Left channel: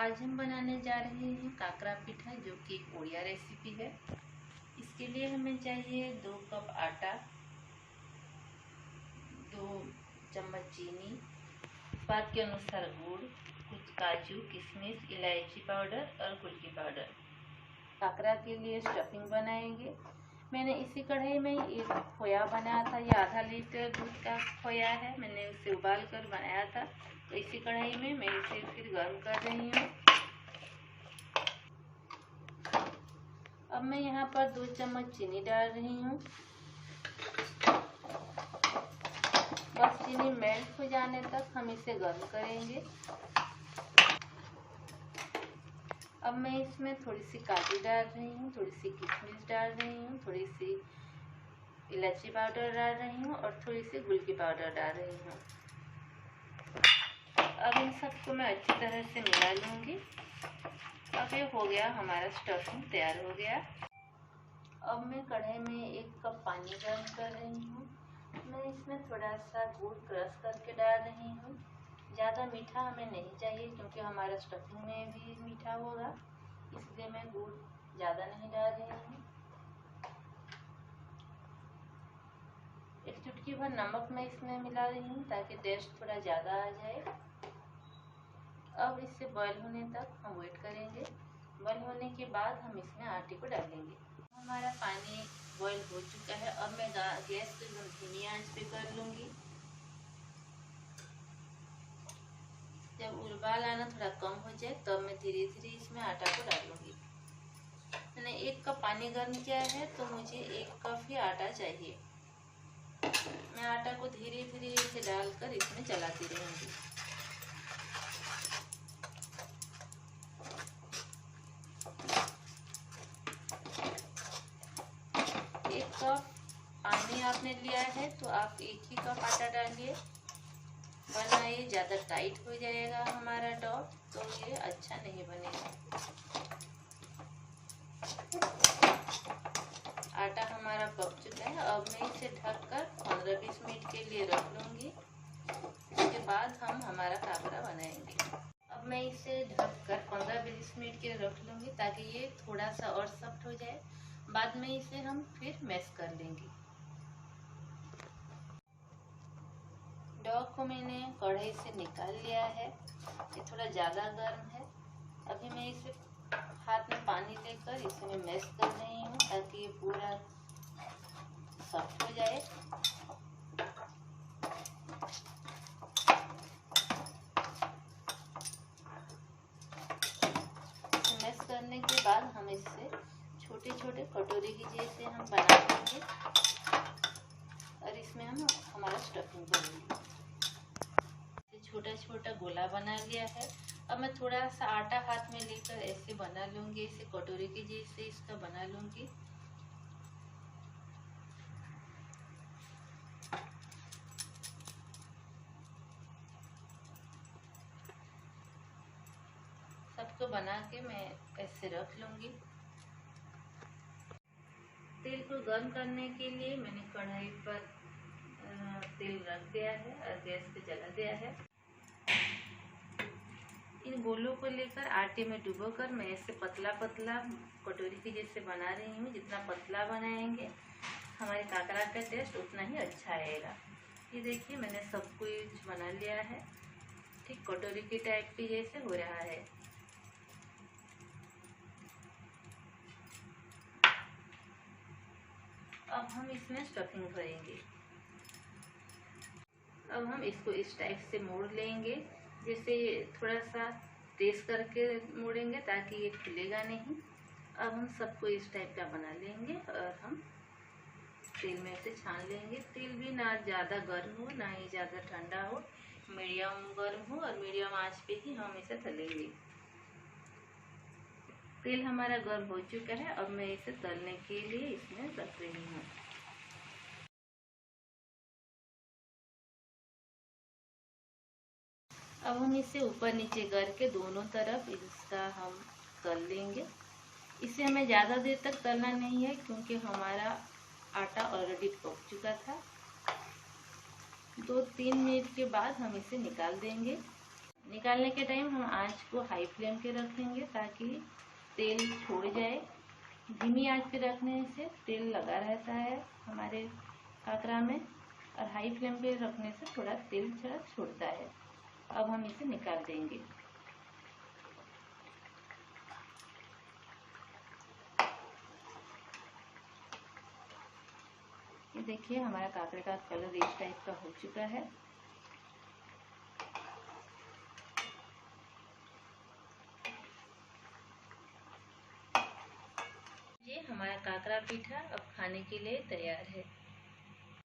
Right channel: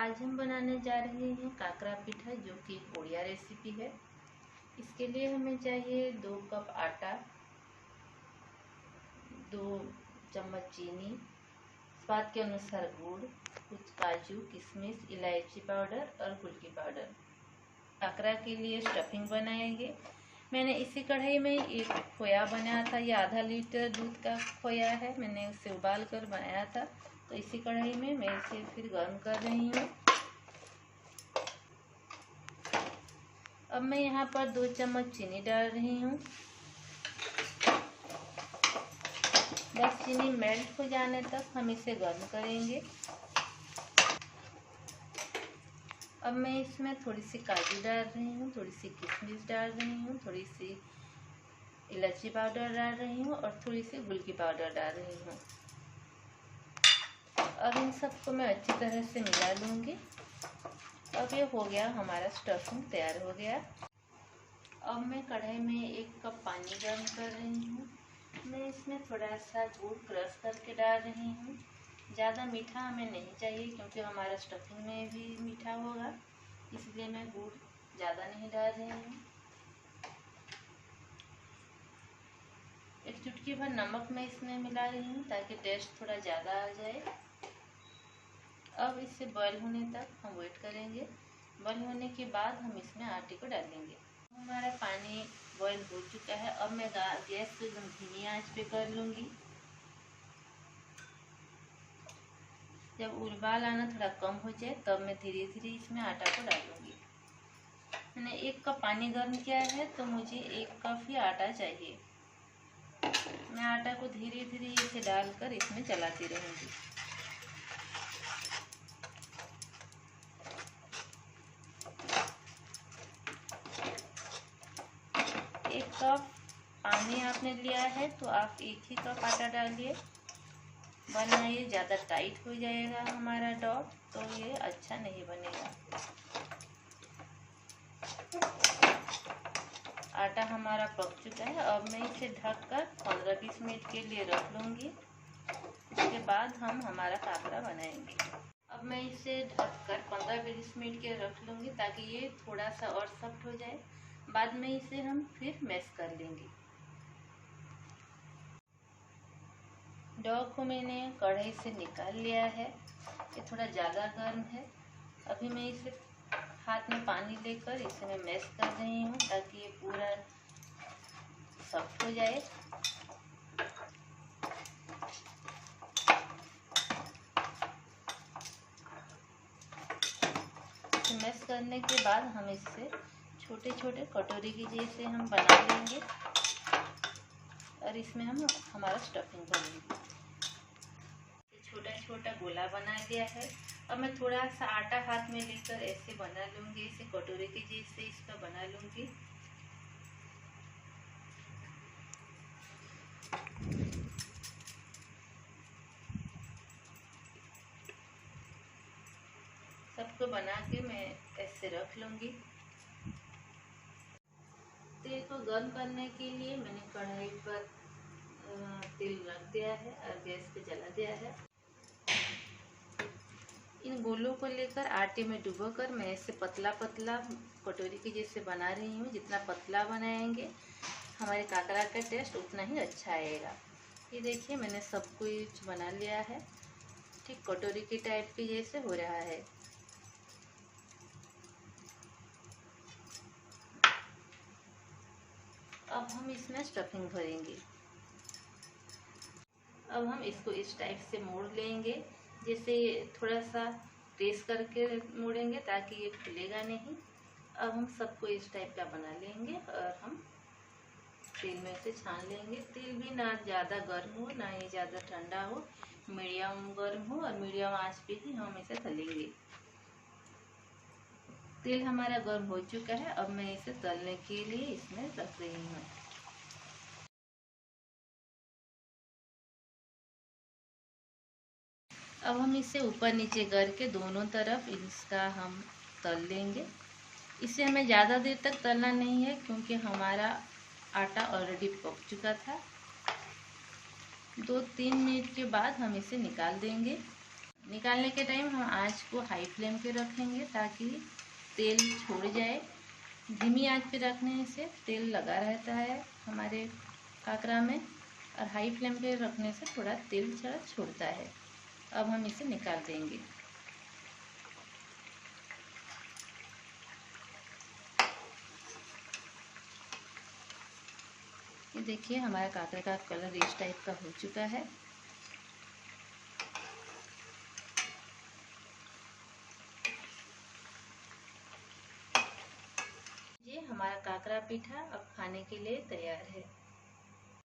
आज हम बनाने जा रहे हैं काकरा पीठा, जो कि एक उड़िया रेसिपी है। इसके लिए हमें चाहिए 2 कप आटा, 2 चम्मच चीनी, स्वाद के अनुसार गुड़, कुछ काजू, किशमिश, इलायची पाउडर और गुड़ की पाउडर। काकरा के लिए स्टफिंग बनाएंगे। मैंने इसी कढ़ाई में एक खोया बनाया था। ये आधा लीटर दूध का खोया है। मैंने उसे उबाल कर बनाया था। तो इसी कढ़ाई में मैं इसे फिर गर्म कर रही हूँ। अब मैं यहाँ पर 2 चम्मच चीनी डाल रही हूँ। बस चीनी मेल्ट हो जाने तक हम इसे गर्म करेंगे। अब मैं इसमें थोड़ी सी काजू डाल रही हूँ, थोड़ी सी किशमिश डाल रही हूँ, थोड़ी सी इलायची पाउडर डाल रही हूँ और थोड़ी सी गुड़ की पाउडर डाल रही हूँ। अब इन सबको मैं अच्छी तरह से मिला लूँगी। अब ये हो गया, हमारा स्टफिंग तैयार हो गया। अब मैं कढ़ाई में 1 कप पानी गर्म कर रही हूँ। मैं इसमें थोड़ा सा गुड़ क्रश करके डाल रही हूँ। ज़्यादा मीठा हमें नहीं चाहिए क्योंकि हमारा स्टफिंग में भी मीठा होगा, इसलिए मैं गुड़ ज़्यादा नहीं डाल रही हूँ। 1 चुटकी भर नमक मैं इसमें मिला रही हूँ ताकि टेस्ट थोड़ा ज़्यादा आ जाए। अब इसे बॉईल होने तक हम वेट करेंगे। बॉईल होने के बाद हम इसमें आटे को डालेंगे। हमारा पानी बॉईल हो चुका है। अब मैं गैस को एकदम धीमी आंच पे कर लूँगी। जब उबाल आना थोड़ा कम हो जाए तब मैं धीरे धीरे इसमें आटा को डालूँगी। मैंने 1 कप पानी गर्म किया है तो मुझे 1 कप ही आटा चाहिए। मैं आटा को धीरे धीरे इसे डालकर इसमें चलाती रहूँगी। 1 कप पानी आपने लिया है तो आप 1 ही कप आटा डालिए, वरना ये ज़्यादा टाइट हो जाएगा हमारा डो, तो ये अच्छा नहीं बनेगा। आटा हमारा पक चुका है। अब मैं इसे ढककर 15-20 मिनट के लिए रख लूँगी। उसके बाद हम हमारा काकरा बनाएंगे। अब मैं इसे ढककर 15-20 मिनट के रख लूँगी ताकि ये थोड़ा सा और सॉफ्ट हो जाए। बाद में इसे हम फिर मैश कर लेंगे। डो को मैंने कढ़ाई से निकाल लिया है। ये थोड़ा ज़्यादा गर्म है। अभी मैं इसे हाथ में पानी लेकर इसे मैं मैश कर रही हूँ ताकि ये पूरा सॉफ्ट हो जाए। मैश करने के बाद हम इससे छोटे छोटे कटोरी की जैसे हम बना लेंगे और इसमें हम हमारा स्टफिंग भरेंगे। छोटा छोटा गोला बना लिया है। अब मैं थोड़ा सा आटा हाथ में लेकर ऐसे बना लूँगी, इसे कटोरी की जैसे इसका बना लूँगी। सबको बना के मैं ऐसे रख लूँगी। तेल को गर्म करने के लिए मैंने कढ़ाई पर तेल रख दिया है और गैस पे जला दिया है। इन गोलों को लेकर आटे में डुबोकर मैं ऐसे पतला पतला कटोरी की जैसे बना रही हूँ। जितना पतला बनाएंगे हमारे काकरा का टेस्ट उतना ही अच्छा आएगा। ये देखिए, मैंने सब कुछ बना लिया है। ठीक कटोरी की टाइप की जैसे हो रहा है। अब हम इसमें स्टफिंग भरेंगे। अब हम इसको इस टाइप से मोड़ लेंगे, जैसे थोड़ा सा प्रेस करके मोड़ेंगे ताकि ये खुलेगा नहीं। अब हम सबको इस टाइप का बना लेंगे और हम तेल में से छान लेंगे। तेल भी ना ज़्यादा गर्म हो ना ही ज़्यादा ठंडा हो, मीडियम गर्म हो और मीडियम आंच पे ही हम इसे तलेंगे। तेल हमारा गर्म हो चुका है। अब मैं इसे तलने के लिए इसमें रख रही हूँ। अब हम इसे ऊपर नीचे करके दोनों तरफ इसका हम तल लेंगे। इसे हमें ज़्यादा देर तक तलना नहीं है क्योंकि हमारा आटा ऑलरेडी पक चुका था। 2-3 मिनट के बाद हम इसे निकाल देंगे। निकालने के टाइम हम आंच को हाई फ्लेम पे रखेंगे ताकि तेल छोड़ जाए। धीमी आंच पे रखने से तेल लगा रहता है हमारे काकरा में, और हाई फ्लेम पे रखने से थोड़ा तेल छोड़ता है। अब हम इसे निकाल देंगे। ये देखिए हमारा काकरे का कलर इस टाइप का हो चुका है। ये हमारा काकरा पीठा अब खाने के लिए तैयार है।